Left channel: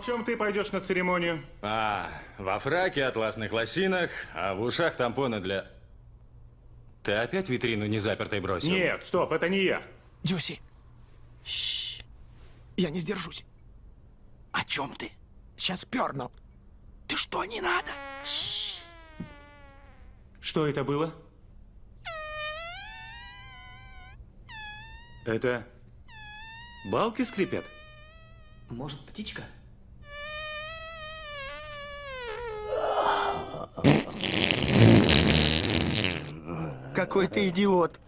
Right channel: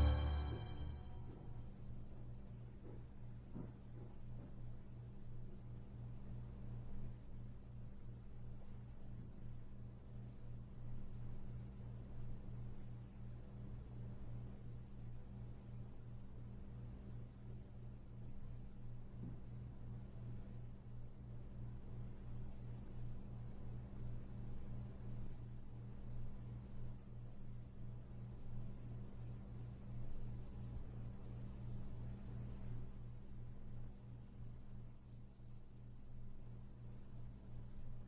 в чем ты пойдешь на церемонию? Во фраке, атласных лосинах, а в ушах тампоны для... Ты опять витрину незапертой бросил? Нет, стоп, это не я. Дюси. Я не сдержусь. О чем ты? Сейчас перну. Ты что, не надо? Что это было? Это... балки скрипят? Может, птичка? Какой ты идиот.